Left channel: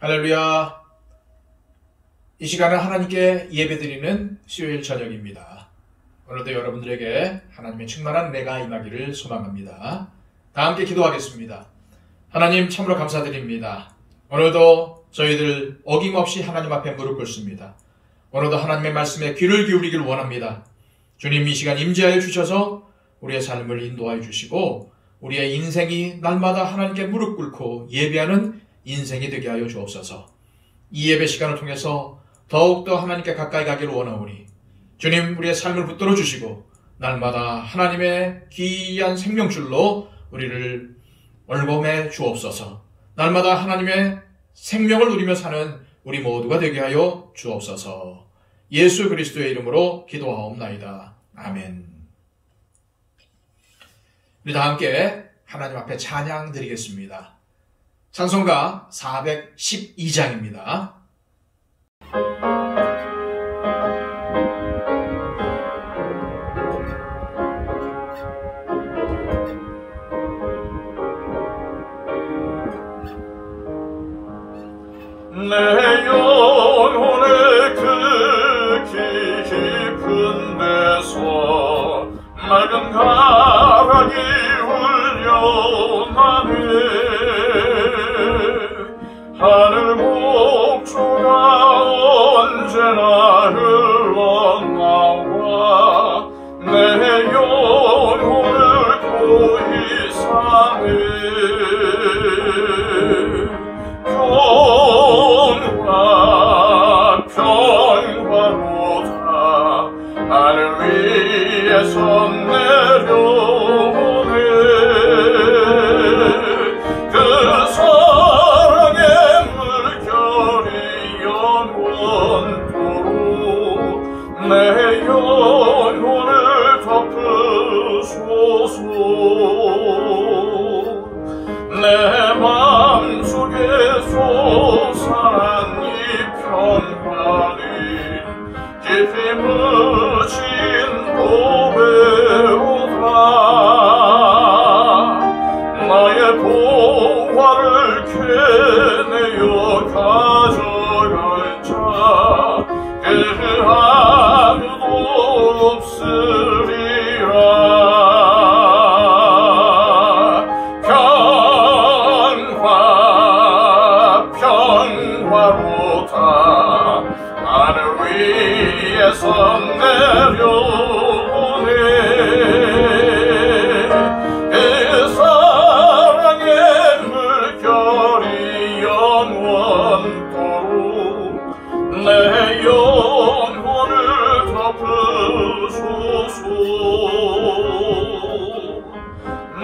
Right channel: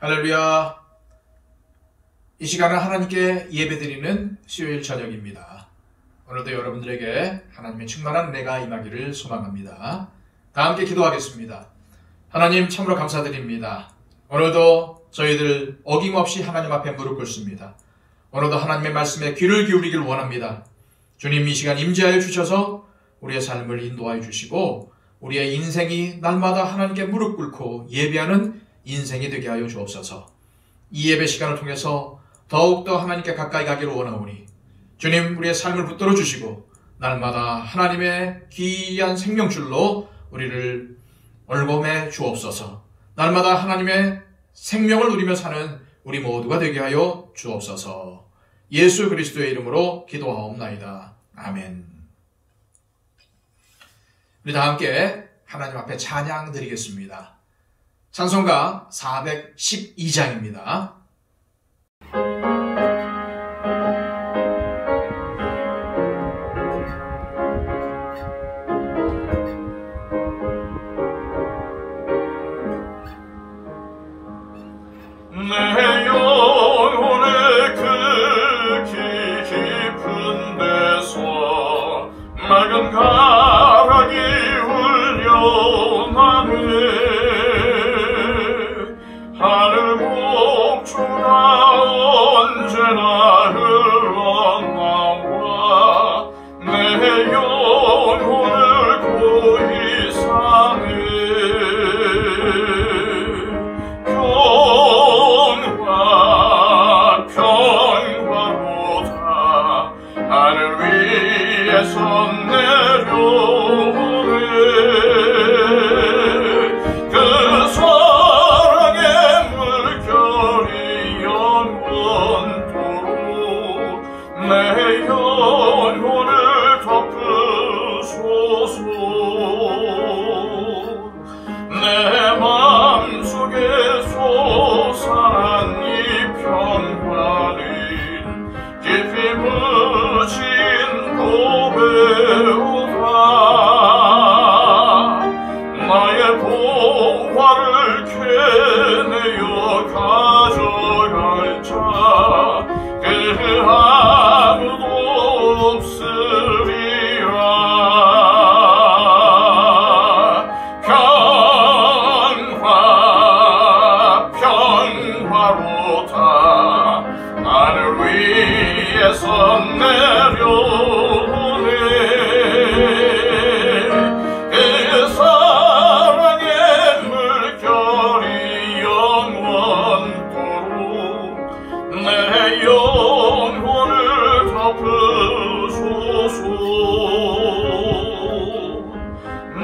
할렐루야. 이 시간에 하나님께 예배드리는 수요일 저녁입니다. 오늘도 여러분들에게 하나님의 충만한 은혜가 임하기를 소망합니다. 다 함께 기도하겠습니다. 하나님 참으로 감사드립니다. 오늘도 저희들 어김없이 하나님 앞에 무릎 꿇습니다. 오늘도 하나님의 말씀에 귀를 기울이기를 원합니다. 주님, 이 시간 임재하여 주셔서 우리의 삶을 인도하여 주시고 우리의 인생이 날마다 하나님께 무릎 꿇고 예배하는 인생이 되게 하여 주옵소서. 이 예배 시간을 통해서 더욱더 하나님께 가까이 가기를 원하오니 주님, 우리의 삶을 붙들어 주시고 날마다 하나님의 귀한 생명줄로 우리를 얼범해 주옵소서. 날마다 하나님의 생명을 누리며 사는 우리 모두가 되게 하여 주옵소서. 예수 그리스도의 이름으로 기도하옵나이다. 아멘. 우리 다 함께 하나님 앞에 찬양 드리겠습니다. 찬송가 412장입니다. 내 영혼을 극히 깊은 데서 맑은 가락이 울려나네. 하늘 곡조가 언제나 흘러나와 내 영혼을 고이 사네. 평화로다 하늘 위에서 내려오네. 그 사랑의 물결이 영원토록 내 영혼을 덮으소서. 내 맘속에 솟아난 이 평화는 깊이 묻힌 고배로다. 나의 보화를 캐내어 가져갈 자 그 아무도 없으리라. 평화로다 하늘 위에서 내려오네. 그 사랑의 물결이 영원토록 내 영혼을 덮으소서.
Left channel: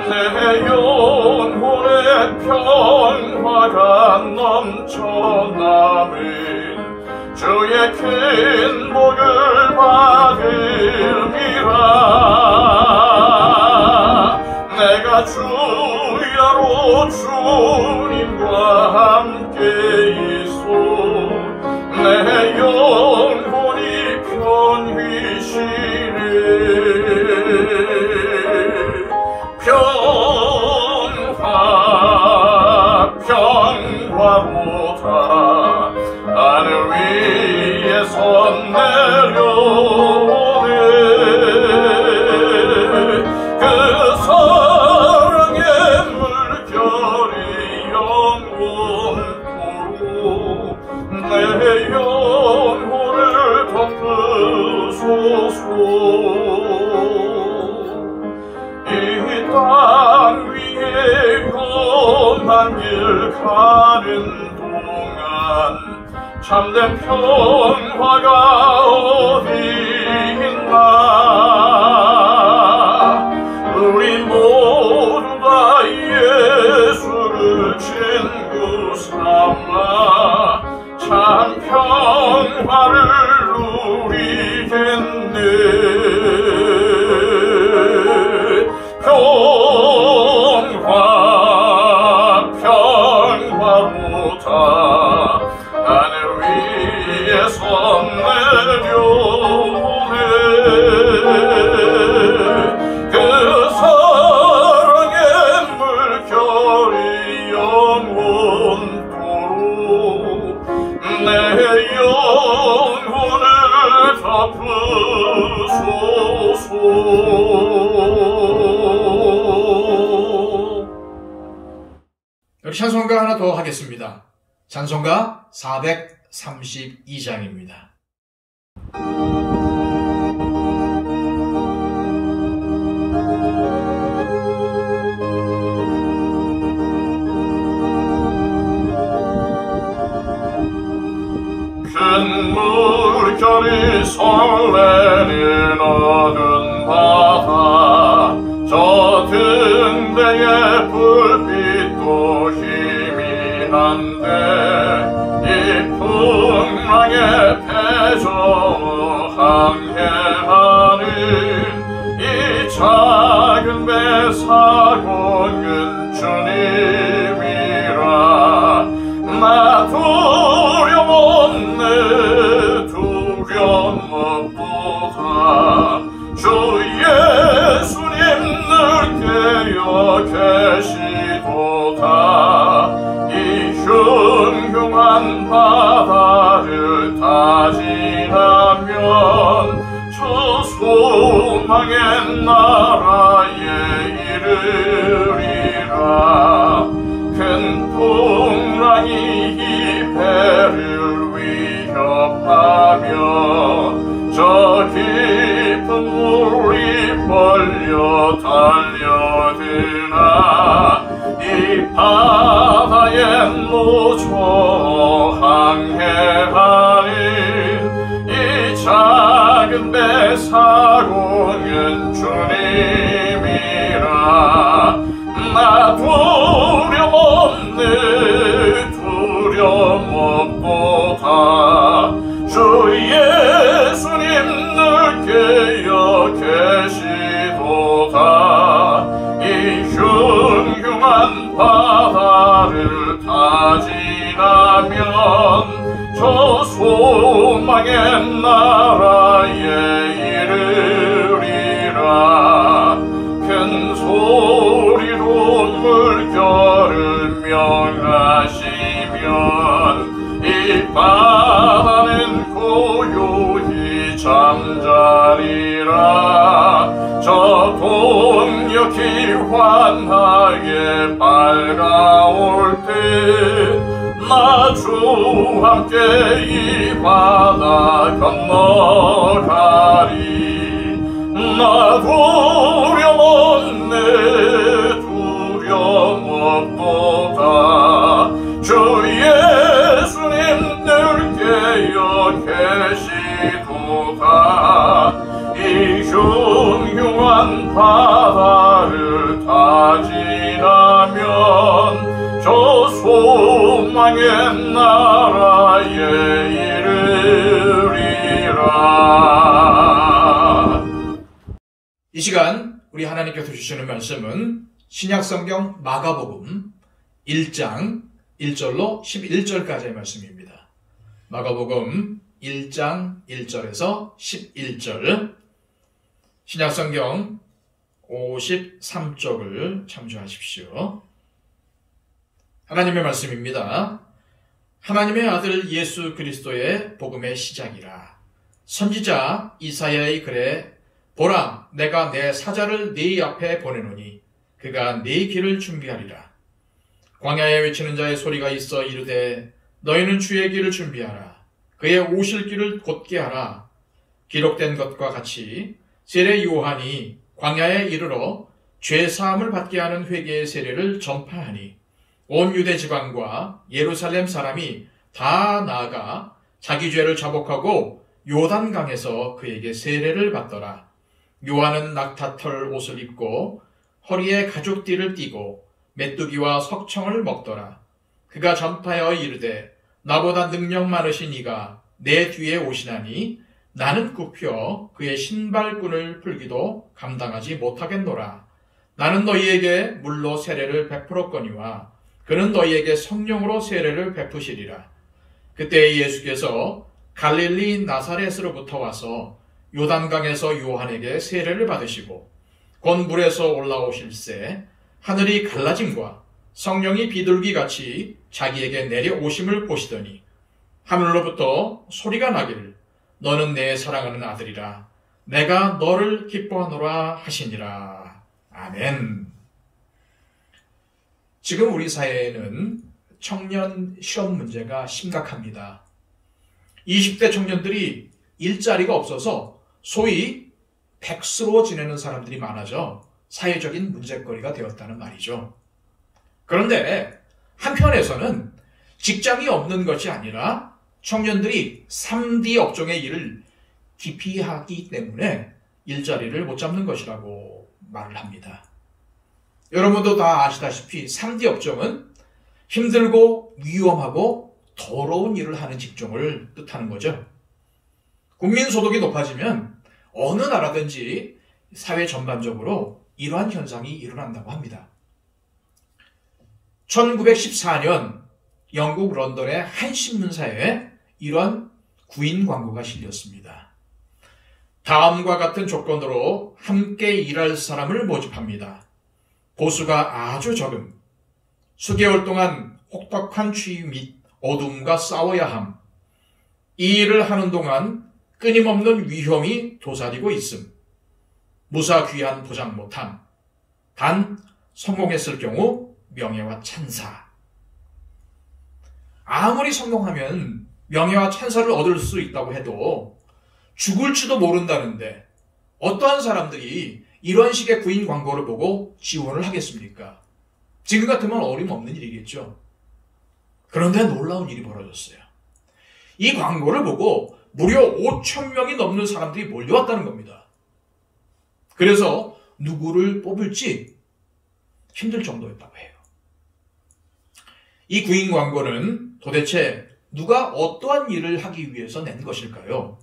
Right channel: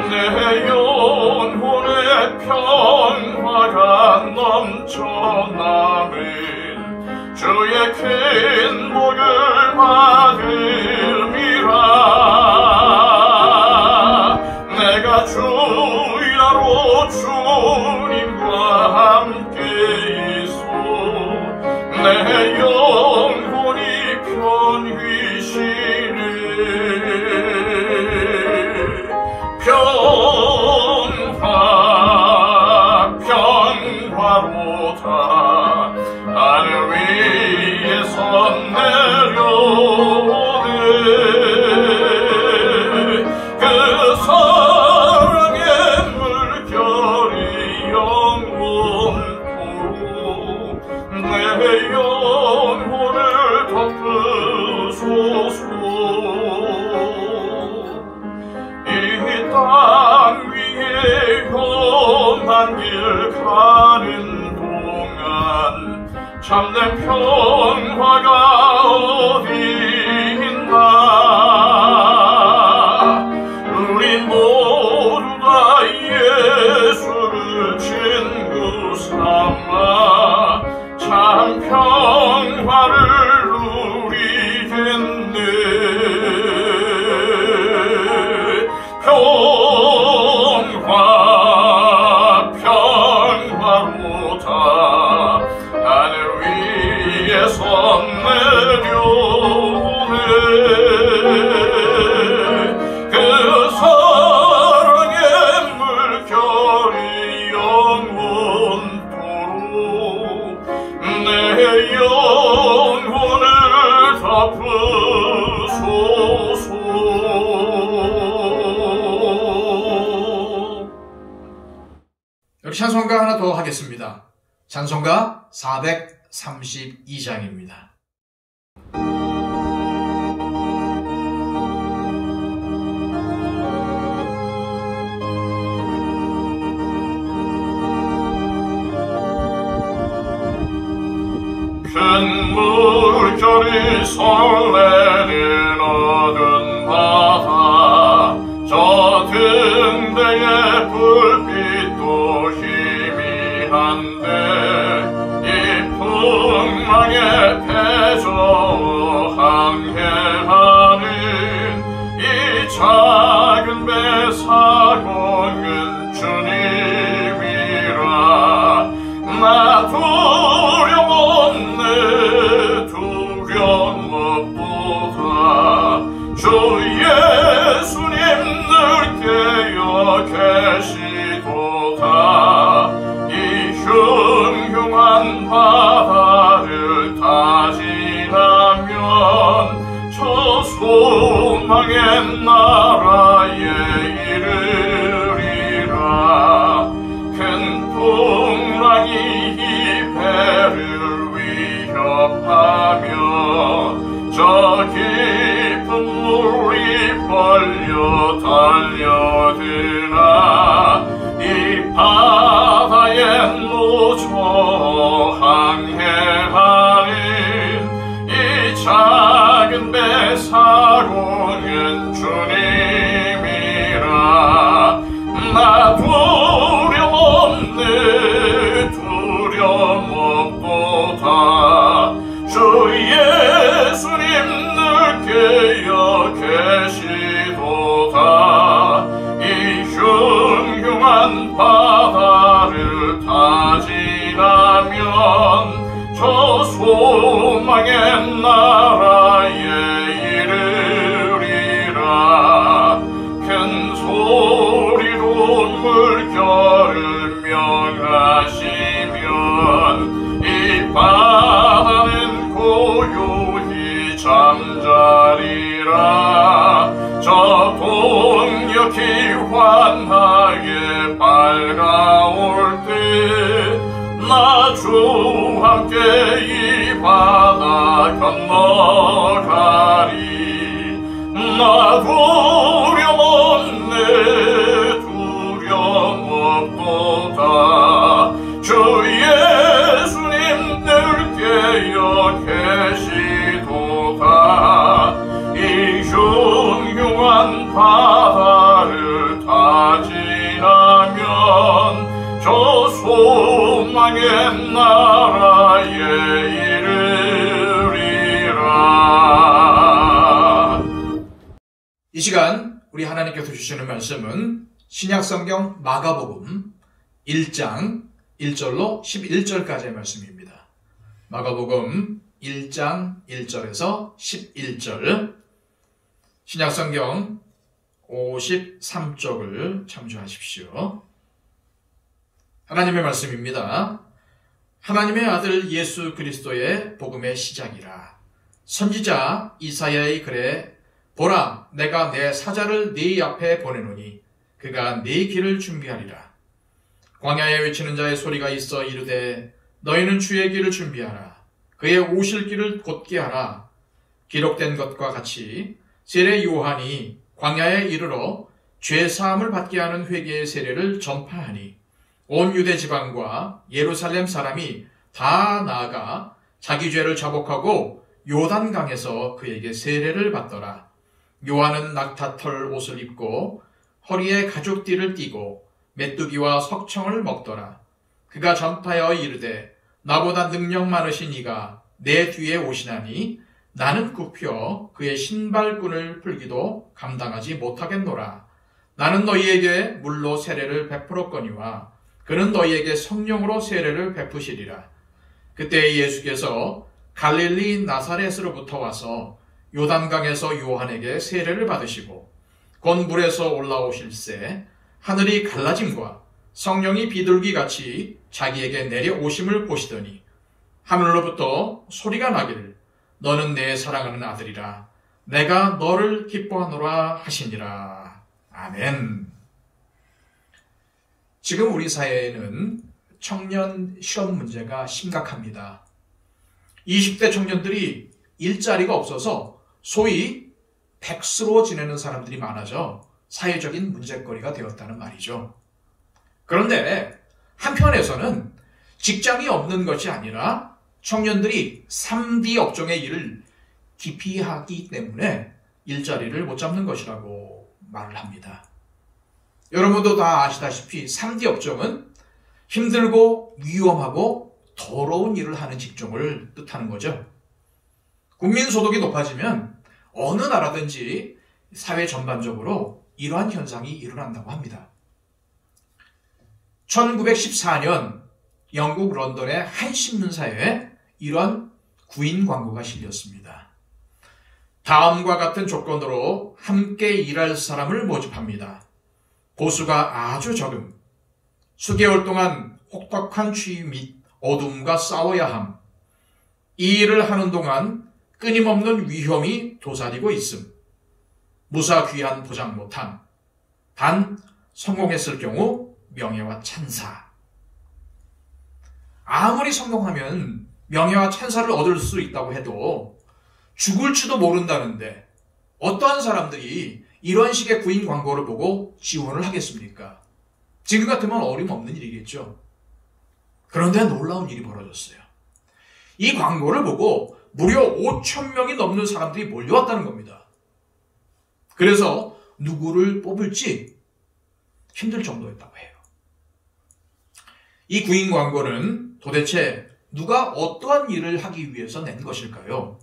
내 영혼의 평화가 넘쳐나는 주의 큰 복을 받음이라. 내가 주야로 주님과 함께 있어 내 영혼이 편히 쉬네. 평화로다 하늘 위에서 내려오네. 그 사랑의 물결이 영원토록 내 영혼을 덮으소서. 이 땅 위에 험한 길 가는 동안 참된 평화가 어디 있나. 우리 모두 다 예수를 친구 삼아 참 평화를 누리겠네. 평화로다 하늘 위에 우리 찬송가 하나 더 하겠습니다. 찬송가 432장입니다. 큰 물결이 설레는 어두운 바다 저 등대의 불빛도 희미한데 이 풍랑의 패조 항해하는 이 작은 배 사공은 주님이라 나 두려웠네 두려움 없도다 주 예수님 늘 깨어 계시도다 이 흉흉한 바다를 다 지나면 저 소망의 나라에 이르리라 큰 풍랑이 이 배를 위협하며 저 깊은 물이 벌려 달려드나 이 바다의 노조 항해하는 이 작은 배 사공은 주님이라 나 두려웠네 두려움 없도다 주 예수님 늘 깨어 계시도다 이 흉흉한 바다를 다 지나면 저 소망의 나라에 이르리라 큰 소리로 물결을 명하시면 이 바다는 고요히 잠자리라 저 동력이 환하게 밝아올 때 나 주와 함께 이 바다 건너가리 나 두려웠네 두려움 없도다 주 예수님 늘 깨어 계시도다 이 흉흉한 바다를 다 지나면 저 소망의 나라에 이르리라. 이 시간 우리 하나님께서 주시는 말씀은 신약성경 마가복음 1장 1절로 11절까지의 말씀입니다. 마가복음 1장 1절에서 11절 신약성경 53쪽을 참조하십시오. 하나님의 말씀입니다. 하나님의 아들 예수 그리스도의 복음의 시작이라. 선지자 이사야의 글에 보라 내가 내 사자를 네 앞에 보내노니 그가 네 길을 준비하리라. 광야에 외치는 자의 소리가 있어 이르되 너희는 주의 길을 준비하라. 그의 오실 길을 곧게 하라. 기록된 것과 같이 세례 요한이 광야에 이르러 죄 사함을 받게 하는 회개의 세례를 전파하니 온 유대 지방과 예루살렘 사람이 다 나아가 자기 죄를 자복하고 요단강에서 그에게 세례를 받더라. 요한은 낙타털 옷을 입고 허리에 가죽띠를 띠고 메뚜기와 석청을 먹더라. 그가 전파하여 이르되 나보다 능력 많으신 이가 내 뒤에 오시나니 나는 굽혀 그의 신발끈을 풀기도 감당하지 못하겠노라. 나는 너희에게 물로 세례를 베풀었거니와 그는 너희에게 성령으로 세례를 베푸시리라. 그때 예수께서 갈릴리 나사렛으로부터 와서 요단강에서 요한에게 세례를 받으시고 곧 물에서 올라오실새 하늘이 갈라짐과 성령이 비둘기같이 자기에게 내려오심을 보시더니 하늘로부터 소리가 나기를 너는 내 사랑하는 아들이라 내가 너를 기뻐하노라 하시니라. 아멘. 지금 우리 사회에는 청년 실업 문제가 심각합니다. 20대 청년들이 일자리가 없어서 소위 백수로 지내는 사람들이 많아져 사회적인 문제거리가 되었다는 말이죠. 그런데 한편에서는 직장이 없는 것이 아니라 청년들이 3D 업종의 일을 기피하기 때문에 일자리를 못 잡는 것이라고 말을 합니다. 여러분도 다 아시다시피 3D 업종은 힘들고 위험하고 더러운 일을 하는 직종을 뜻하는 거죠. 국민소득이 높아지면 어느 나라든지 사회 전반적으로 이러한 현상이 일어난다고 합니다. 1914년 영국 런던의 한 신문사에 이런 구인 광고가 실렸습니다. 다음과 같은 조건으로 함께 일할 사람을 모집합니다. 보수가 아주 적음, 수개월 동안 혹독한 추위 및 어둠과 싸워야 함, 이 일을 하는 동안 끊임없는 위험이 도사리고 있음, 무사귀한 보장 못함, 단 성공했을 경우 명예와 찬사. 아무리 성공하면 명예와 찬사를 얻을 수 있다고 해도 죽을지도 모른다는데 어떠한 사람들이 이런 식의 구인 광고를 보고 지원을 하겠습니까? 지금 같으면 어림없는 일이겠죠. 그런데 놀라운 일이 벌어졌어요. 이 광고를 보고 무려 5,000명이 넘는 사람들이 몰려왔다는 겁니다. 그래서 누구를 뽑을지 힘들 정도였다고 해요. 이 구인 광고는 도대체 누가 어떠한 일을 하기 위해서 낸 것일까요?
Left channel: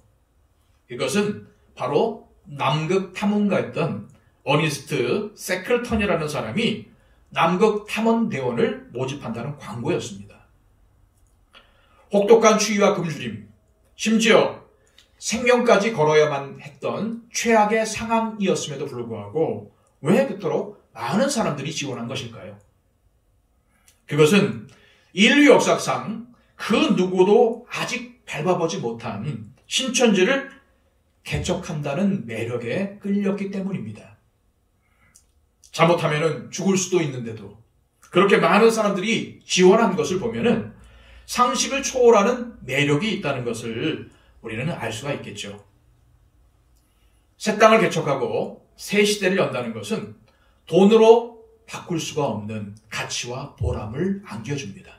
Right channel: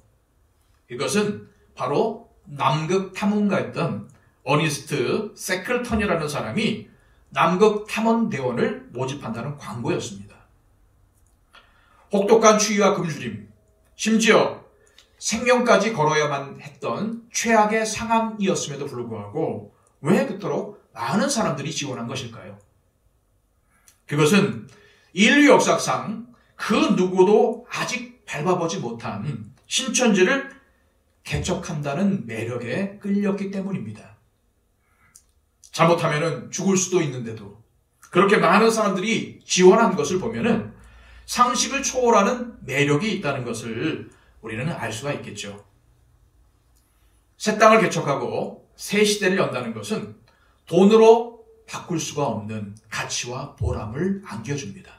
이것은 바로 남극 탐험가였던 어니스트 세클턴이라는 사람이 남극 탐험대원을 모집한다는 광고였습니다. 혹독한 추위와 굶주림, 심지어 생명까지 걸어야만 했던 최악의 상황이었음에도 불구하고 왜 그토록 많은 사람들이 지원한 것일까요? 그것은 인류 역사상 그 누구도 아직 밟아보지 못한 신천지를 개척한다는 매력에 끌렸기 때문입니다. 잘못하면 죽을 수도 있는데도 그렇게 많은 사람들이 지원한 것을 보면은 상식을 초월하는 매력이 있다는 것을 우리는 알 수가 있겠죠. 새 땅을 개척하고 새 시대를 연다는 것은 돈으로 바꿀 수가 없는 가치와 보람을 안겨줍니다.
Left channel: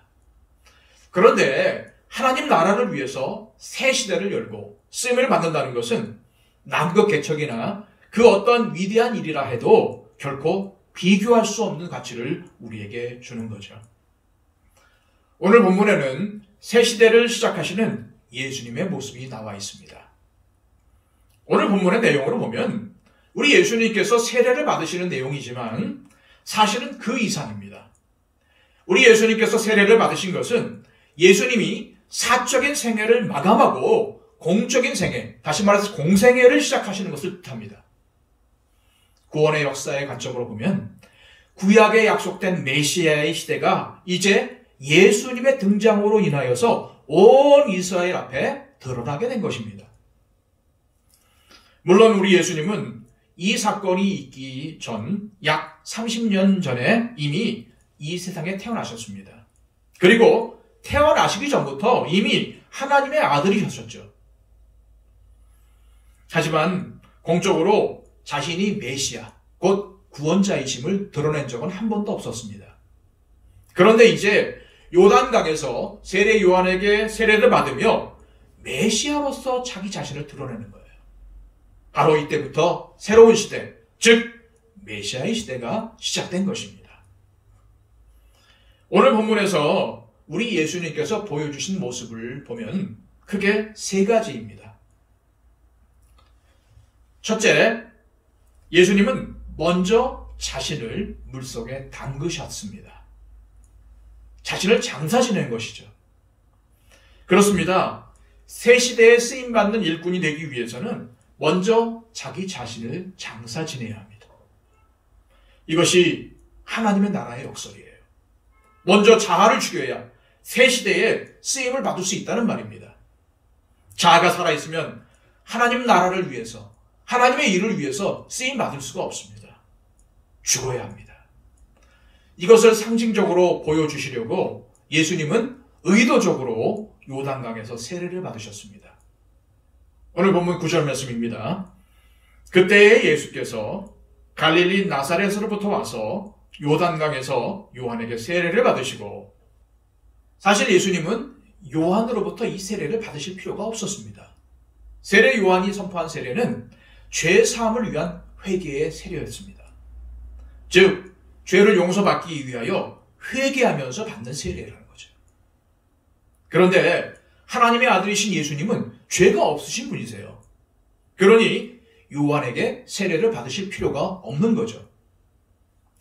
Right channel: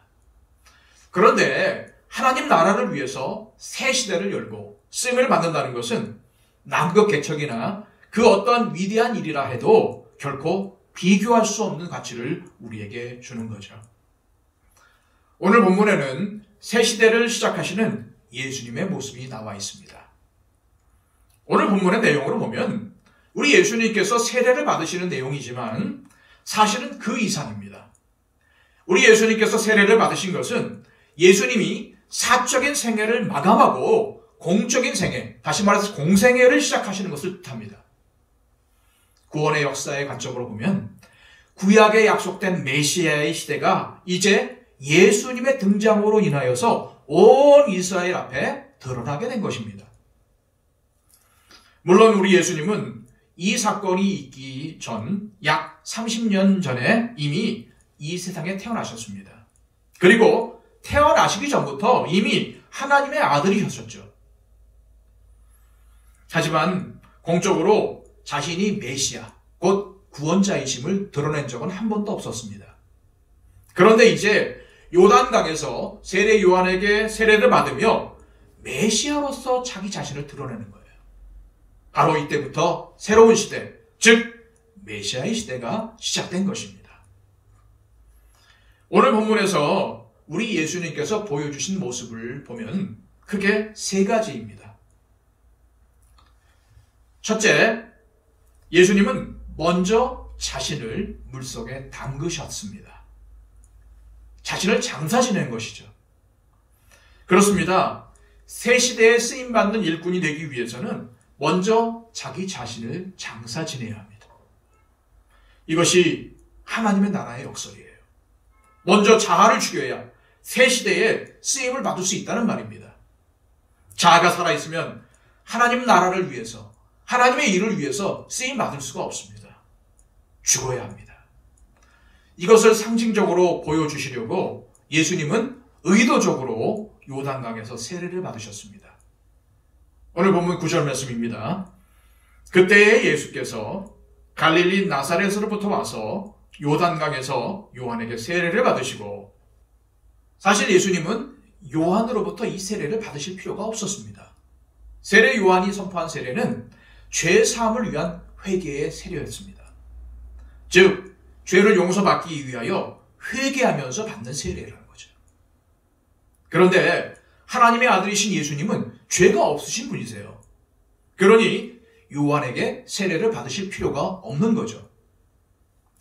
그런데 하나님 나라를 위해서 새 시대를 열고 쓰임을 받는다는 것은 남극 개척이나 그 어떤 위대한 일이라 해도 결코 비교할 수 없는 가치를 우리에게 주는 거죠. 오늘 본문에는 새 시대를 시작하시는 예수님의 모습이 나와 있습니다. 오늘 본문의 내용으로 보면 우리 예수님께서 세례를 받으시는 내용이지만 사실은 그 이상입니다. 우리 예수님께서 세례를 받으신 것은 예수님이 사적인 생애를 마감하고 공적인 생애, 다시 말해서 공생애를 시작하시는 것을 뜻합니다. 구원의 역사의 관점으로 보면 구약에 약속된 메시아의 시대가 이제 예수님의 등장으로 인하여서 온 이스라엘 앞에 드러나게 된 것입니다. 물론 우리 예수님은 이 사건이 있기 전 약 30년 전에 이미 이 세상에 태어나셨습니다. 그리고 태어나시기 전부터 이미 하나님의 아들이셨죠. 하지만 공적으로 자신이 메시아, 곧 구원자이심을 드러낸 적은 한 번도 없었습니다. 그런데 이제 요단강에서 세례 요한에게 세례를 받으며 메시아로서 자기 자신을 드러내는 거예요. 바로 이때부터 새로운 시대, 즉 메시아의 시대가 시작된 것입니다. 오늘 본문에서 우리 예수님께서 보여주신 모습을 보면 크게 세 가지입니다. 첫째, 예수님은 먼저 자신을 물속에 담그셨습니다. 자신을 장사 지낸 것이죠. 그렇습니다. 새 시대에 쓰임받는 일꾼이 되기 위해서는 먼저 자기 자신을 장사 지내야 합니다. 이것이 하나님의 나라의 역설이에요. 먼저 자아를 죽여야 새 시대에 쓰임을 받을 수 있다는 말입니다. 자아가 살아있으면 하나님 나라를 위해서, 하나님의 일을 위해서 쓰임 받을 수가 없습니다. 죽어야 합니다. 이것을 상징적으로 보여주시려고 예수님은 의도적으로 요단강에서 세례를 받으셨습니다. 오늘 본문 9절 말씀입니다. 그때에 예수께서 갈릴리 나사렛으로부터 와서 요단강에서 요한에게 세례를 받으시고, 사실 예수님은 요한으로부터 이 세례를 받으실 필요가 없었습니다. 세례 요한이 선포한 세례는 죄 사함을 위한 회개의 세례였습니다. 즉 죄를 용서받기 위하여 회개하면서 받는 세례라는 거죠. 그런데 하나님의 아들이신 예수님은 죄가 없으신 분이세요. 그러니 요한에게 세례를 받으실 필요가 없는 거죠.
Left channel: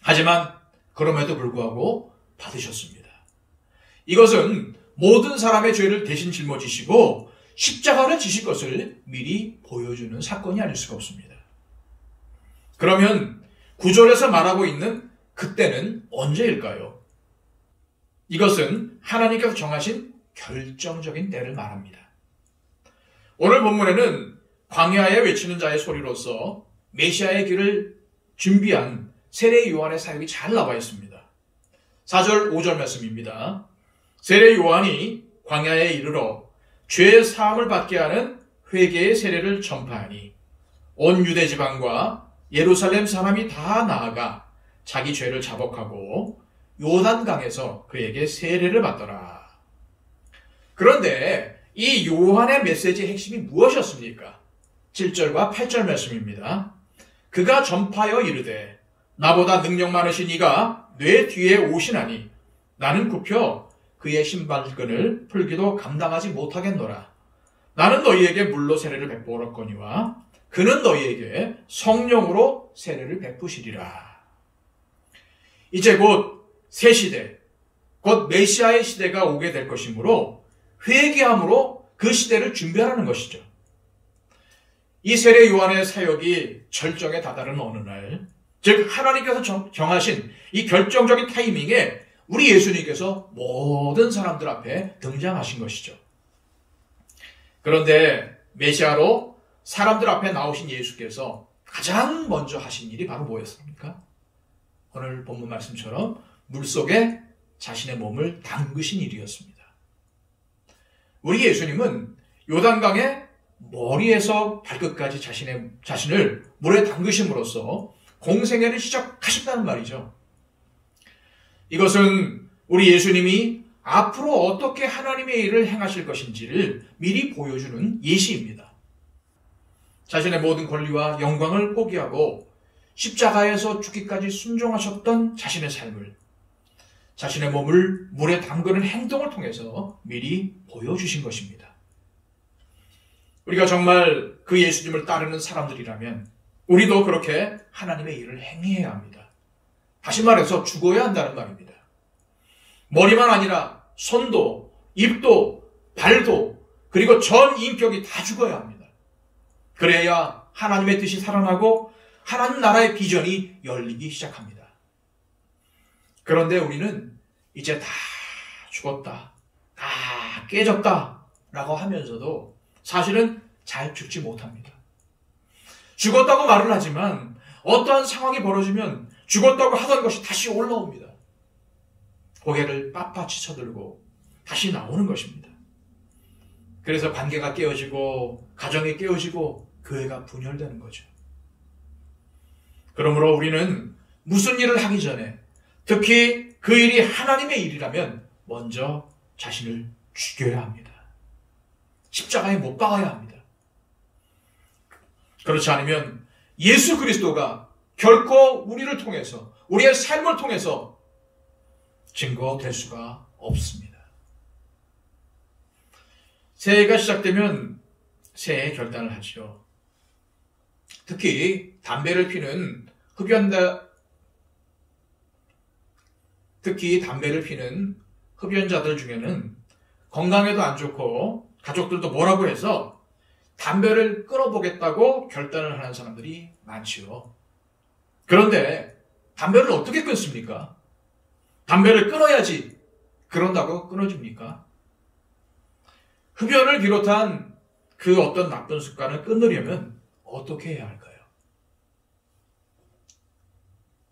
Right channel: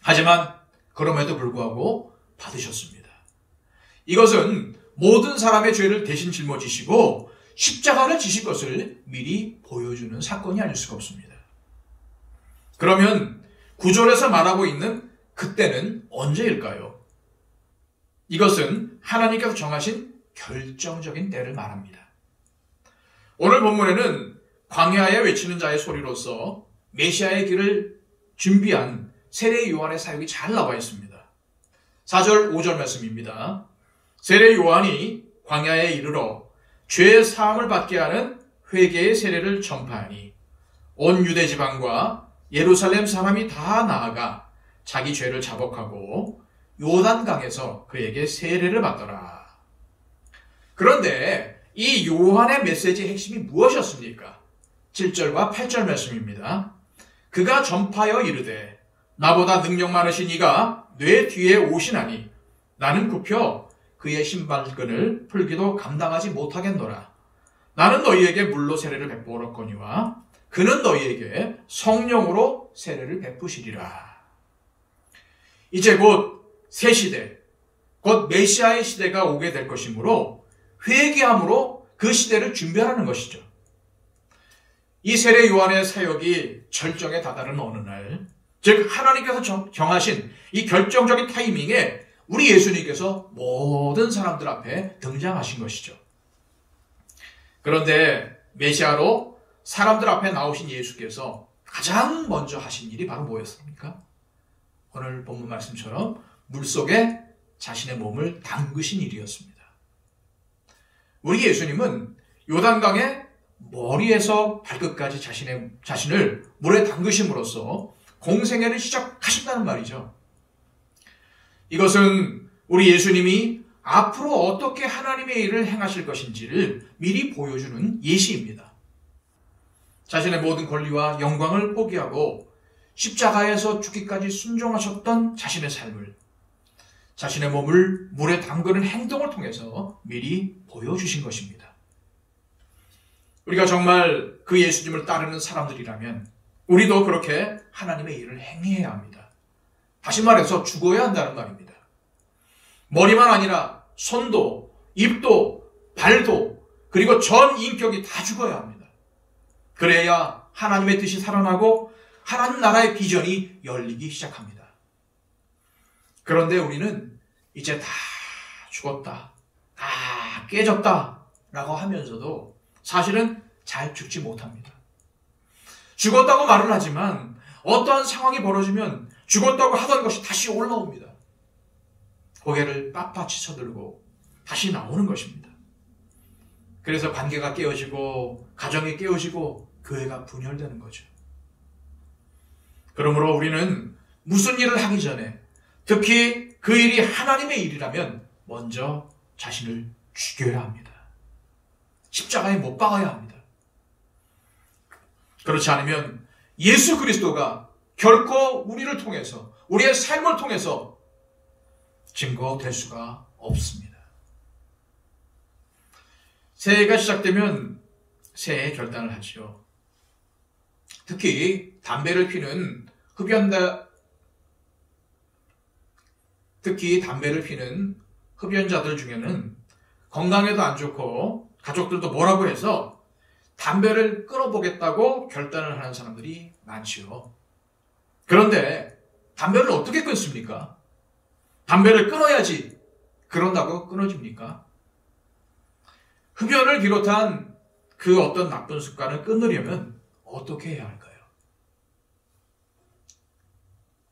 하지만 그럼에도 불구하고 받으셨습니다. 이것은 모든 사람의 죄를 대신 짊어지시고 십자가를 지실 것을 미리 보여주는 사건이 아닐 수가 없습니다. 그러면 9절에서 말하고 있는 그때는 언제일까요? 이것은 하나님께서 정하신 결정적인 때를 말합니다. 오늘 본문에는 광야에 외치는 자의 소리로서 메시아의 길을 준비한 세례 요한의 사역이 잘 나와 있습니다. 4절 5절 말씀입니다. 세례 요한이 광야에 이르러 죄 사함을 받게 하는 회개의 세례를 전파하니 온 유대 지방과 예루살렘 사람이 다 나아가 자기 죄를 자복하고 요단강에서 그에게 세례를 받더라. 그런데 이 요한의 메시지의 핵심이 무엇이었습니까? 7절과 8절 말씀입니다. 그가 전파하여 이르되 나보다 능력 많으신 이가 내 뒤에 오시나니 나는 굽혀 그의 신발끈을 풀기도 감당하지 못하겠노라. 나는 너희에게 물로 세례를 베풀었거니와 그는 너희에게 성령으로 세례를 베푸시리라. 이제 곧 새 시대, 곧 메시아의 시대가 오게 될 것이므로 회개함으로 그 시대를 준비하라는 것이죠. 이 세례 요한의 사역이 절정에 다다른 어느 날, 즉 하나님께서 정하신 이 결정적인 타이밍에 우리 예수님께서 모든 사람들 앞에 등장하신 것이죠. 그런데 메시아로 사람들 앞에 나오신 예수께서 가장 먼저 하신 일이 바로 뭐였습니까? 오늘 본문 말씀처럼 물속에 자신의 몸을 담그신 일이었습니다. 우리 예수님은 요단강에 머리에서 발끝까지 자신을 물에 담그심으로써 공생애를 시작하셨다는 말이죠. 이것은 우리 예수님이 앞으로 어떻게 하나님의 일을 행하실 것인지를 미리 보여주는 예시입니다. 자신의 모든 권리와 영광을 포기하고 십자가에서 죽기까지 순종하셨던 자신의 삶을, 자신의 몸을 물에 담그는 행동을 통해서 미리 보여주신 것입니다. 우리가 정말 그 예수님을 따르는 사람들이라면 우리도 그렇게 하나님의 일을 행해야 합니다. 다시 말해서 죽어야 한다는 말입니다. 머리만 아니라 손도, 입도, 발도, 그리고 전 인격이 다 죽어야 합니다. 그래야 하나님의 뜻이 살아나고 하나님 나라의 비전이 열리기 시작합니다. 그런데 우리는 이제 다 죽었다, 다 깨졌다 라고 하면서도 사실은 잘 죽지 못합니다. 죽었다고 말을 하지만 어떠한 상황이 벌어지면 죽었다고 하던 것이 다시 올라옵니다. 고개를 빳빳이 쳐들고 다시 나오는 것입니다. 그래서 관계가 깨어지고 가정이 깨어지고 교회가 분열되는 거죠. 그러므로 우리는 무슨 일을 하기 전에, 특히 그 일이 하나님의 일이라면 먼저 자신을 죽여야 합니다. 십자가에 못 박아야 합니다. 그렇지 않으면 예수 그리스도가 결코 우리를 통해서, 우리의 삶을 통해서 증거될 수가 없습니다. 새해가 시작되면 새해 결단을 하죠. 특히 담배를 피는 흡연자들 중에는 건강에도 안 좋고 가족들도 뭐라고 해서 담배를 끊어보겠다고 결단을 하는 사람들이 많지요. 그런데 담배를 어떻게 끊습니까? 담배를 끊어야지. 그런다고 끊어집니까? 흡연을 비롯한 그 어떤 나쁜 습관을 끊으려면 어떻게 해야 할까요?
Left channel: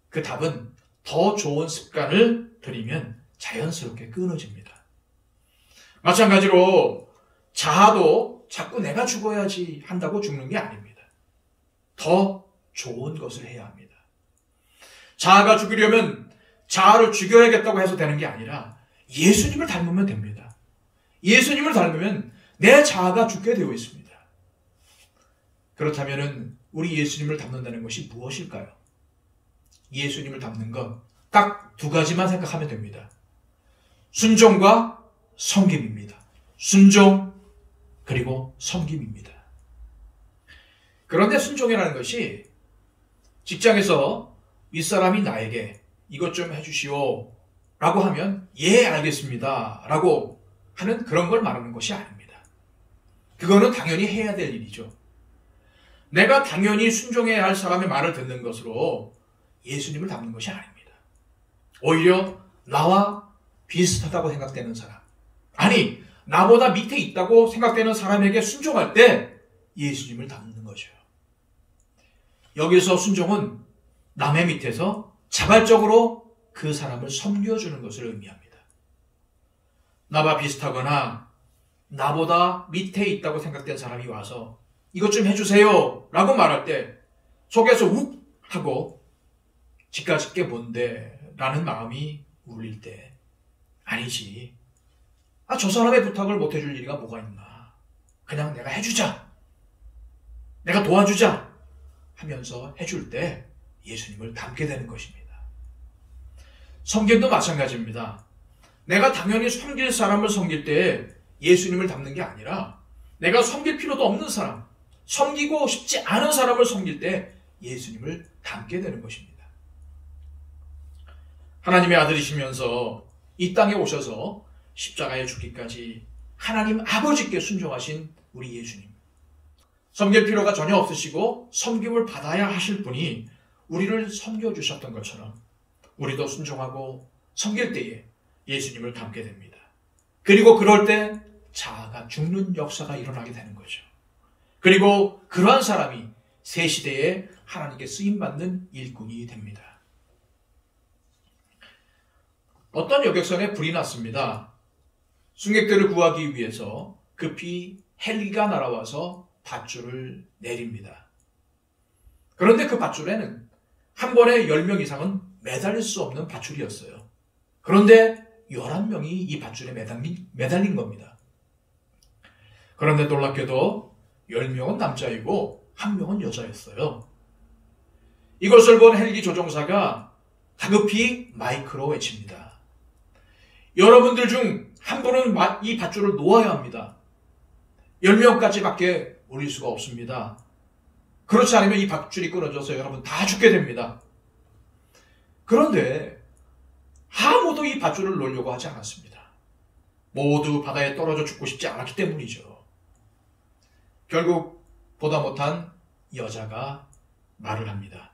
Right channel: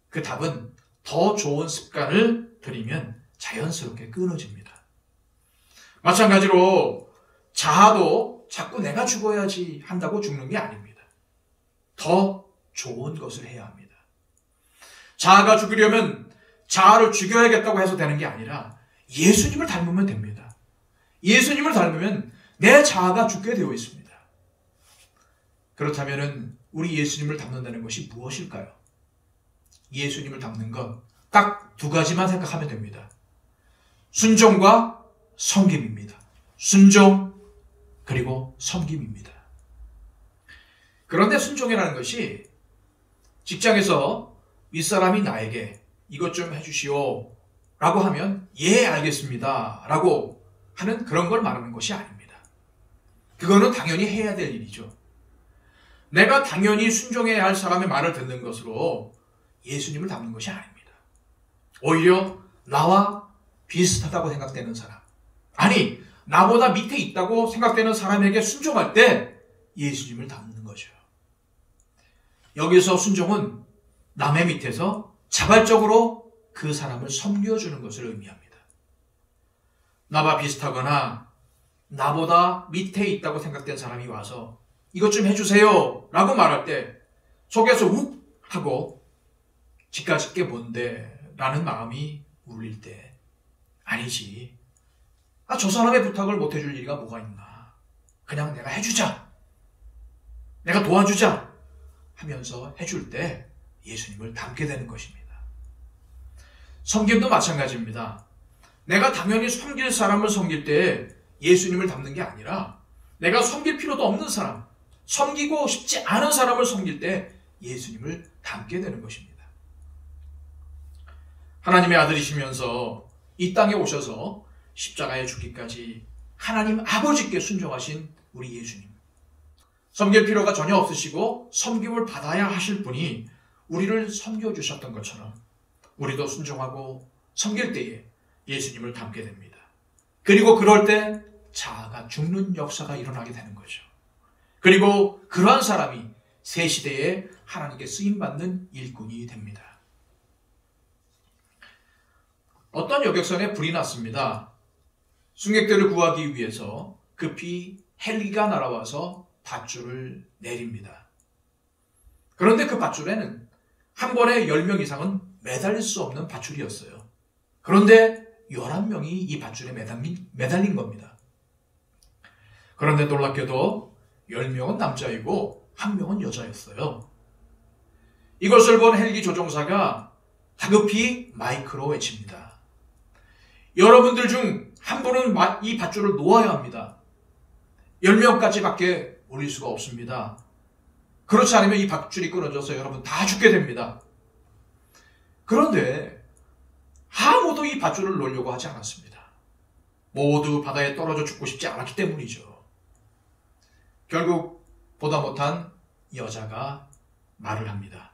그 답은 더 좋은 습관을 들이면 자연스럽게 끊어집니다. 마찬가지로 자아도 자꾸 내가 죽어야지 한다고 죽는 게 아닙니다. 더 좋은 것을 해야 합니다. 자아가 죽으려면 자아를 죽여야겠다고 해서 되는 게 아니라 예수님을 닮으면 됩니다. 예수님을 닮으면 내 자아가 죽게 되어 있습니다. 그렇다면 우리 예수님을 닮는다는 것이 무엇일까요? 예수님을 닮는 것 딱 두 가지만 생각하면 됩니다. 순종과 섬김입니다. 순종 그리고 섬김입니다. 그런데 순종이라는 것이 직장에서 윗사람이 나에게 이것 좀 해주시오 라고 하면 예 알겠습니다 라고 하는 그런 걸 말하는 것이 아닙니다. 그거는 당연히 해야 될 일이죠. 내가 당연히 순종해야 할 사람의 말을 듣는 것으로 예수님을 닮는 것이 아닙니다. 오히려 나와 비슷하다고 생각되는 사람, 아니 나보다 밑에 있다고 생각되는 사람에게 순종할 때 예수님을 닮는 거죠. 여기서 순종은 남의 밑에서 자발적으로 그 사람을 섬겨주는 것을 의미합니다. 나와 비슷하거나 나보다 밑에 있다고 생각된 사람이 와서 이것 좀 해주세요 라고 말할 때 속에서 욱 하고 지까짓 게 뭔데 라는 마음이 울릴 때 아니지, 저 사람의 부탁을 못 해줄 일이가 뭐가 있나, 그냥 내가 해주자, 내가 도와주자 하면서 해줄 때 예수님을 닮게 되는 것입니다. 섬김도 마찬가지입니다. 내가 당연히 섬길 사람을 섬길 때 예수님을 닮는 게 아니라 내가 섬길 필요도 없는 사람, 섬기고 싶지 않은 사람을 섬길 때 예수님을 닮게 되는 것입니다. 하나님의 아들이시면서 이 땅에 오셔서 십자가에 죽기까지 하나님 아버지께 순종하신 우리 예수님. 섬길 필요가 전혀 없으시고 섬김을 받아야 하실 분이 우리를 섬겨주셨던 것처럼 우리도 순종하고 섬길 때에 예수님을 닮게 됩니다. 그리고 그럴 때 자아가 죽는 역사가 일어나게 되는 거죠. 그리고 그러한 사람이 새 시대에 하나님께 쓰임받는 일꾼이 됩니다. 어떤 여객선에 불이 났습니다. 승객들을 구하기 위해서 급히 헬기가 날아와서 밧줄을 내립니다. 그런데 그 밧줄에는 한 번에 10명 이상은 매달릴 수 없는 밧줄이었어요. 그런데 11명이 이 밧줄에 매달린 겁니다. 그런데 놀랍게도 10명은 남자이고 1명은 여자였어요. 이것을 본 헬기 조종사가 다급히 마이크로 외칩니다. 여러분들 중 한 분은 이 밧줄을 놓아야 합니다. 10명까지밖에 올릴 수가 없습니다. 그렇지 않으면 이 밧줄이 끊어져서 여러분 다 죽게 됩니다. 그런데 아무도 이 밧줄을 놓으려고 하지 않았습니다. 모두 바다에 떨어져 죽고 싶지 않았기 때문이죠. 결국 보다 못한 여자가 말을 합니다.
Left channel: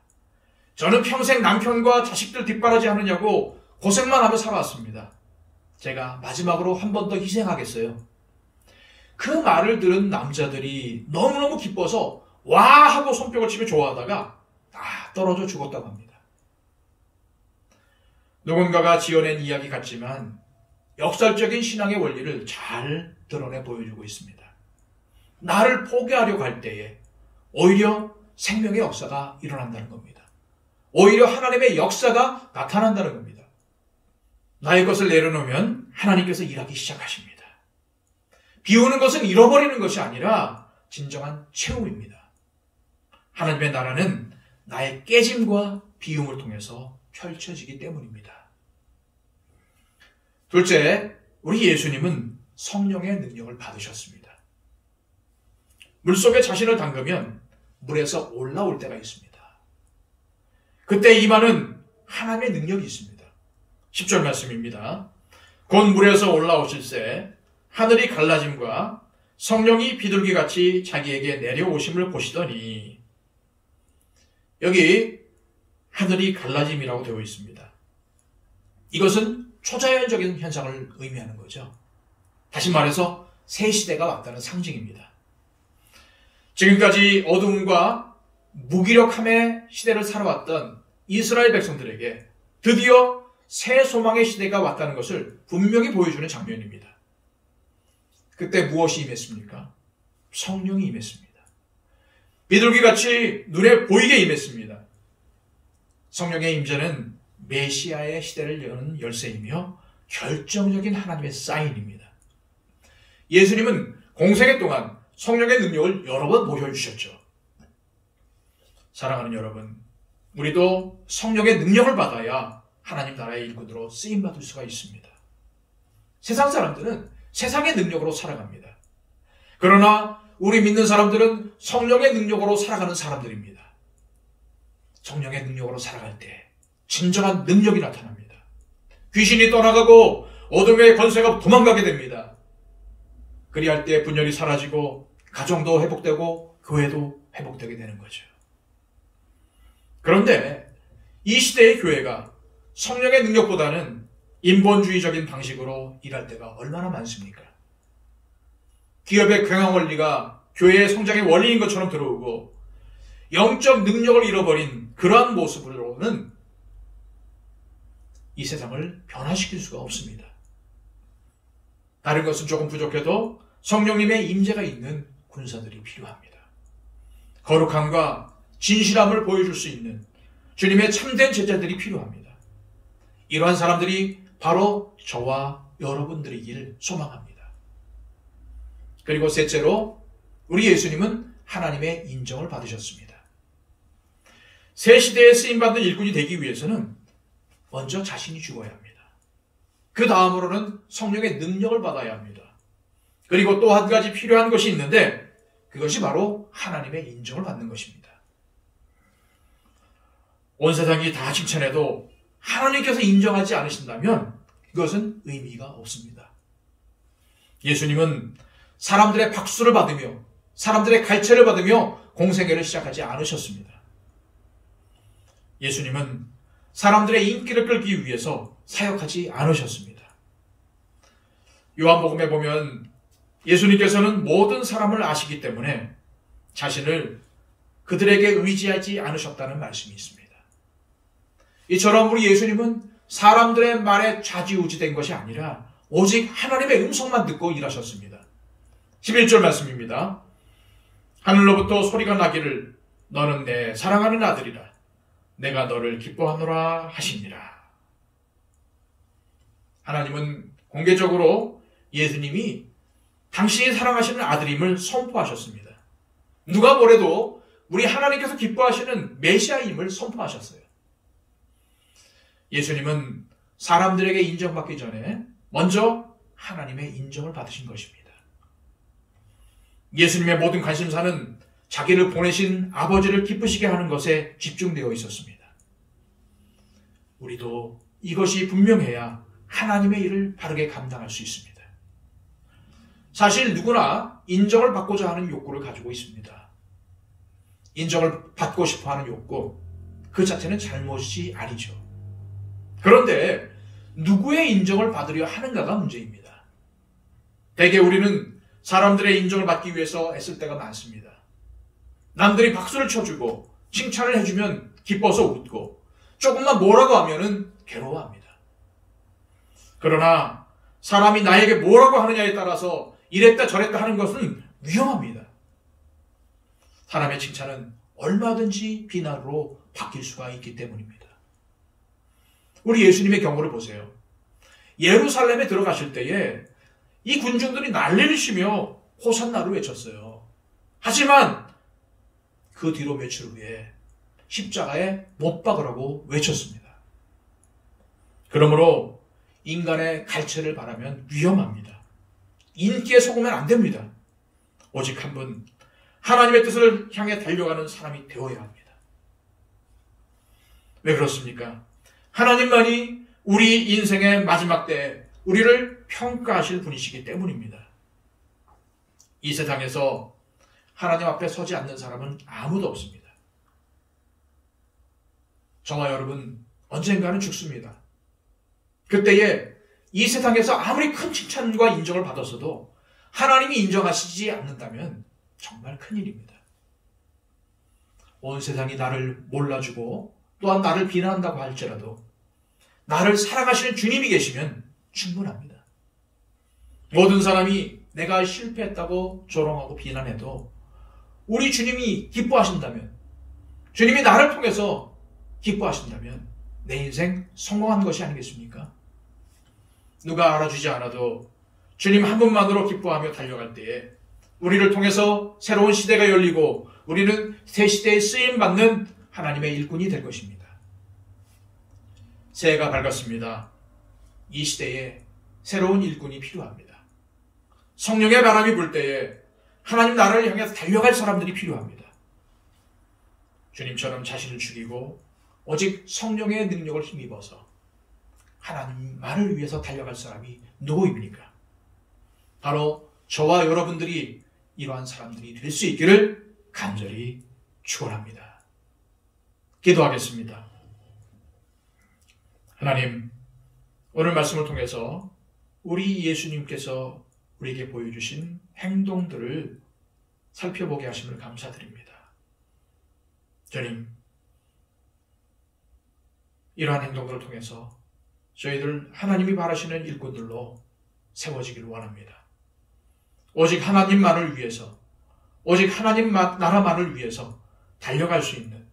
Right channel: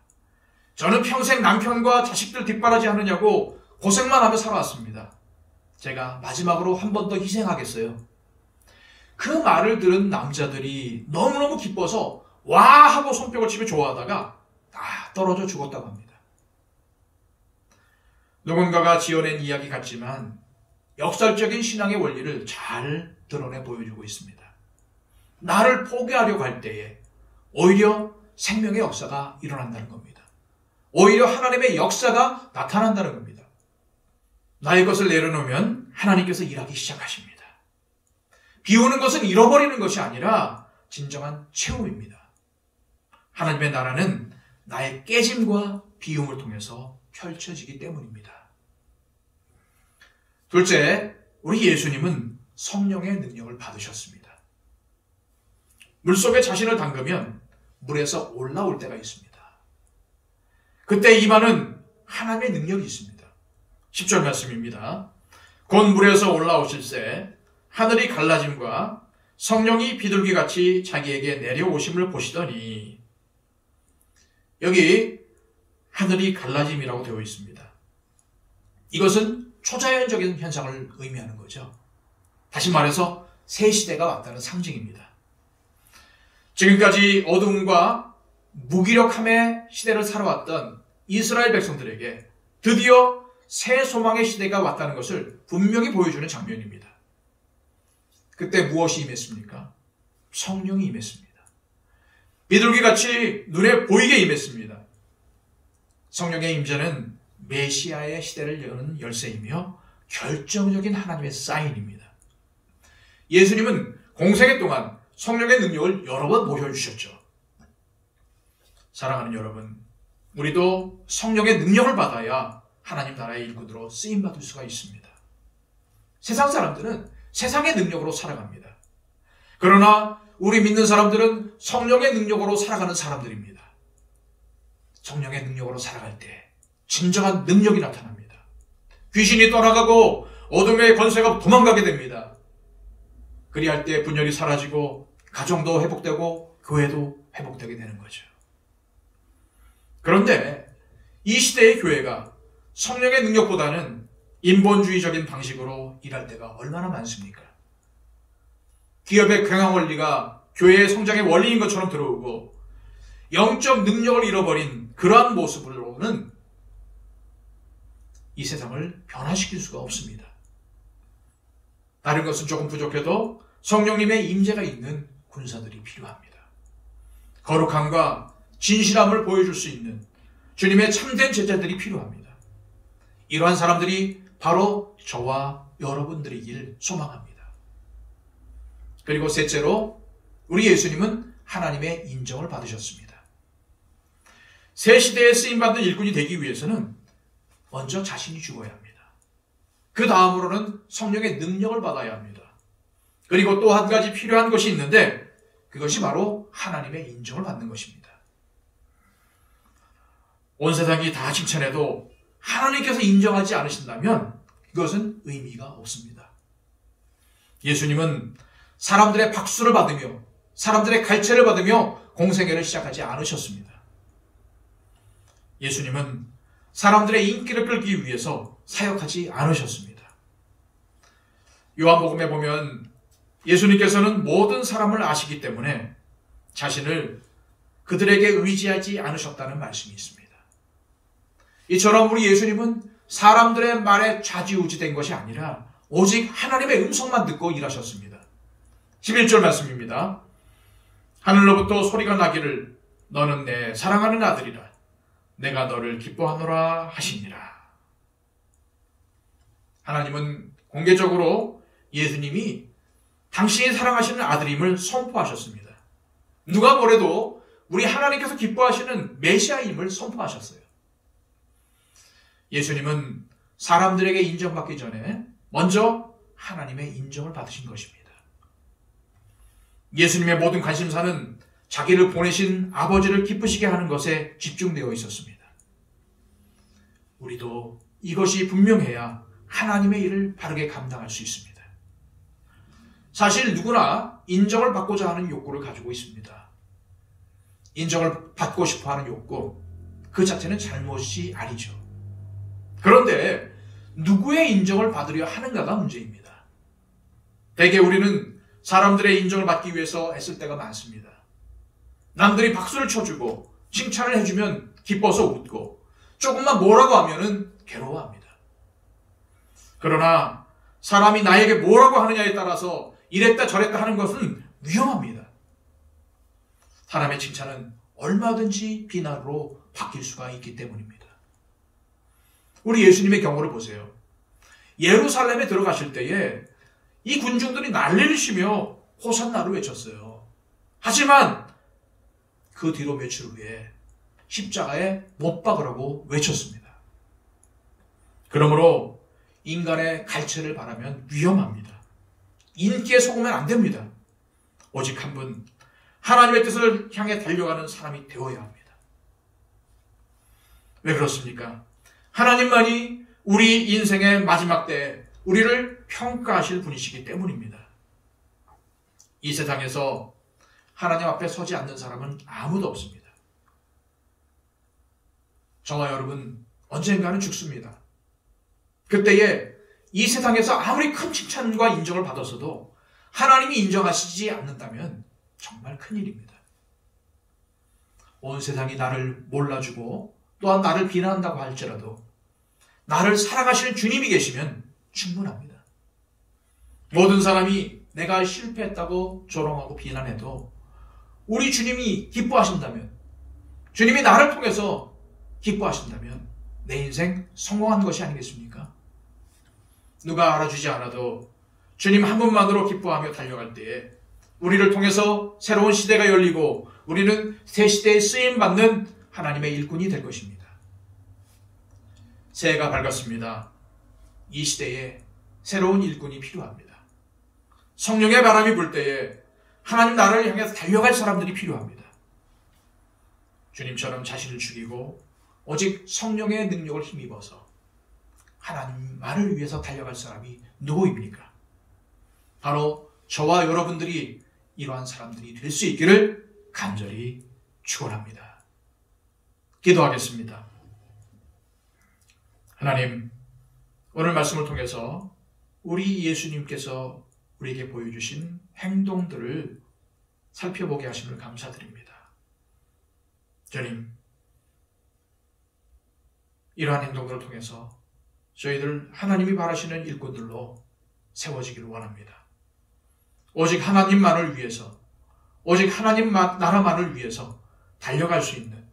저는 평생 남편과 자식들 뒷바라지 하느냐고 고생만 하며 살아왔습니다. 제가 마지막으로 한 번 더 희생하겠어요. 그 말을 들은 남자들이 너무너무 기뻐서 와 하고 손뼉을 치며 좋아하다가 다 떨어져 죽었다고 합니다. 누군가가 지어낸 이야기 같지만 역설적인 신앙의 원리를 잘 드러내 보여주고 있습니다. 나를 포기하려고 할 때에 오히려 생명의 역사가 일어난다는 겁니다. 오히려 하나님의 역사가 나타난다는 겁니다. 나의 것을 내려놓으면 하나님께서 일하기 시작하십니다. 비우는 것은 잃어버리는 것이 아니라 진정한 채움입니다. 하나님의 나라는 나의 깨짐과 비움을 통해서 펼쳐지기 때문입니다. 둘째, 우리 예수님은 성령의 능력을 받으셨습니다. 물속에 자신을 담그면 물에서 올라올 때가 있습니다. 그때 임하는 하나님의 능력이 있습니다. 10절 말씀입니다. 곧 물에서 올라오실새 하늘이 갈라짐과 성령이 비둘기같이 자기에게 내려오심을 보시더니, 여기 하늘이 갈라짐이라고 되어 있습니다. 이것은 초자연적인 현상을 의미하는 거죠. 다시 말해서 새 시대가 왔다는 상징입니다. 지금까지 어둠과 무기력함의 시대를 살아왔던 이스라엘 백성들에게 드디어 새 소망의 시대가 왔다는 것을 분명히 보여주는 장면입니다. 그때 무엇이 임했습니까? 성령이 임했습니다. 비둘기같이 눈에 보이게 임했습니다. 성령의 임재는 메시아의 시대를 여는 열쇠이며 결정적인 하나님의 사인입니다. 예수님은 공생애 동안 성령의 능력을 여러 번 보여주셨죠. 사랑하는 여러분, 우리도 성령의 능력을 받아야 하나님 나라의 일꾼으로 쓰임받을 수가 있습니다. 세상 사람들은 세상의 능력으로 살아갑니다. 그러나 우리 믿는 사람들은 성령의 능력으로 살아가는 사람들입니다. 성령의 능력으로 살아갈 때 진정한 능력이 나타납니다. 귀신이 떠나가고 어둠의 권세가 도망가게 됩니다. 그리할 때 분열이 사라지고 가정도 회복되고 교회도 회복되게 되는 거죠. 그런데 이 시대의 교회가 성령의 능력보다는 인본주의적인 방식으로 일할 때가 얼마나 많습니까? 기업의 경영 원리가 교회의 성장의 원리인 것처럼 들어오고 영적 능력을 잃어버린 그러한 모습으로는 이 세상을 변화시킬 수가 없습니다. 다른 것은 조금 부족해도 성령님의 임재가 있는 군사들이 필요합니다. 거룩함과 진실함을 보여줄 수 있는 주님의 참된 제자들이 필요합니다. 이러한 사람들이 바로 저와 여러분들이길 소망합니다. 그리고 셋째로 우리 예수님은 하나님의 인정을 받으셨습니다. 새 시대에 쓰임받는 일꾼이 되기 위해서는 먼저 자신이 죽어야 합니다. 그 다음으로는 성령의 능력을 받아야 합니다. 그리고 또 한 가지 필요한 것이 있는데 그것이 바로 하나님의 인정을 받는 것입니다. 온 세상이 다 칭찬해도 하나님께서 인정하지 않으신다면 그것은 의미가 없습니다. 예수님은 사람들의 박수를 받으며 사람들의 갈채를 받으며 공생애를 시작하지 않으셨습니다. 예수님은 사람들의 인기를 끌기 위해서 사역하지 않으셨습니다. 요한복음에 보면 예수님께서는 모든 사람을 아시기 때문에 자신을 그들에게 의지하지 않으셨다는 말씀이 있습니다. 이처럼 우리 예수님은 사람들의 말에 좌지우지된 것이 아니라 오직 하나님의 음성만 듣고 일하셨습니다. 11절 말씀입니다. 하늘로부터 소리가 나기를 너는 내 사랑하는 아들이라 내가 너를 기뻐하노라 하시니라. 하나님은 공개적으로 예수님이 당신이 사랑하시는 아들임을 선포하셨습니다. 누가 뭐래도 우리 하나님께서 기뻐하시는 메시아임을 선포하셨어요. 예수님은 사람들에게 인정받기 전에 먼저 하나님의 인정을 받으신 것입니다. 예수님의 모든 관심사는 자기를 보내신 아버지를 기쁘시게 하는 것에 집중되어 있었습니다. 우리도 이것이 분명해야 하나님의 일을 바르게 감당할 수 있습니다. 사실 누구나 인정을 받고자 하는 욕구를 가지고 있습니다. 인정을 받고 싶어하는 욕구, 그 자체는 잘못이 아니죠. 그런데 누구의 인정을 받으려 하는가가 문제입니다. 대개 우리는 사람들의 인정을 받기 위해서 애쓸 때가 많습니다. 남들이 박수를 쳐주고 칭찬을 해주면 기뻐서 웃고 조금만 뭐라고 하면은 괴로워합니다. 그러나 사람이 나에게 뭐라고 하느냐에 따라서 이랬다 저랬다 하는 것은 위험합니다. 사람의 칭찬은 얼마든지 비난으로 바뀔 수가 있기 때문입니다. 우리 예수님의 경우를 보세요. 예루살렘에 들어가실 때에 이 군중들이 난리를 치며 호산나를 외쳤어요. 하지만 그 뒤로 며칠 후에 십자가에 못 박으라고 외쳤습니다. 그러므로 인간의 갈채를 바라면 위험합니다. 인기에 속으면 안 됩니다. 오직 한 분, 하나님의 뜻을 향해 달려가는 사람이 되어야 합니다. 왜 그렇습니까? 하나님만이 우리 인생의 마지막 때에 우리를 평가하실 분이시기 때문입니다. 이 세상에서 하나님 앞에 서지 않는 사람은 아무도 없습니다. 저와 여러분 언젠가는 죽습니다. 그때에 이 세상에서 아무리 큰 칭찬과 인정을 받았어도 하나님이 인정하시지 않는다면 정말 큰일입니다. 온 세상이 나를 몰라주고 또한 나를 비난한다고 할지라도 나를 사랑하시는 주님이 계시면 충분합니다. 모든 사람이 내가 실패했다고 조롱하고 비난해도 우리 주님이 기뻐하신다면, 주님이 나를 통해서 기뻐하신다면 내 인생 성공한 것이 아니겠습니까? 누가 알아주지 않아도 주님 한 분만으로 기뻐하며 달려갈 때에 우리를 통해서 새로운 시대가 열리고 우리는 새 시대에 쓰임받는 하나님의 일꾼이 될 것입니다. 새해가 밝았습니다. 이 시대에 새로운 일꾼이 필요합니다. 성령의 바람이 불 때에 하나님 나라를 향해서 달려갈 사람들이 필요합니다. 주님처럼 자신을 죽이고 오직 성령의 능력을 힘입어서 하나님만을 위해서 달려갈 사람이 누구입니까? 바로 저와 여러분들이 이러한 사람들이 될 수 있기를 간절히 축원합니다. 기도하겠습니다. 하나님, 오늘 말씀을 통해서 우리 예수님께서 우리에게 보여주신 행동들을 살펴보게 하심을 감사드립니다. 주님, 이러한 행동들을 통해서 저희들 하나님이 바라시는 일꾼들로 세워지기를 원합니다. 오직 하나님만을 위해서, 오직 하나님 나라만을 위해서 달려갈 수 있는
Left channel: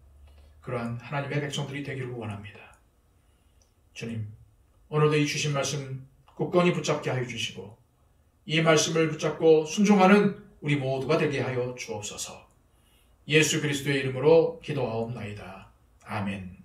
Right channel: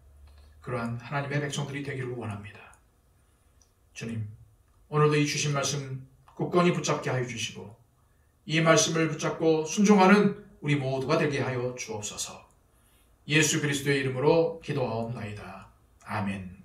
그러한 하나님의 백성들이 되기를 원합니다. 주님, 오늘도 이 주신 말씀 굳건히 붙잡게 하여 주시고 이 말씀을 붙잡고 순종하는 우리 모두가 되게 하여 주옵소서. 예수 그리스도의 이름으로 기도하옵나이다. 아멘.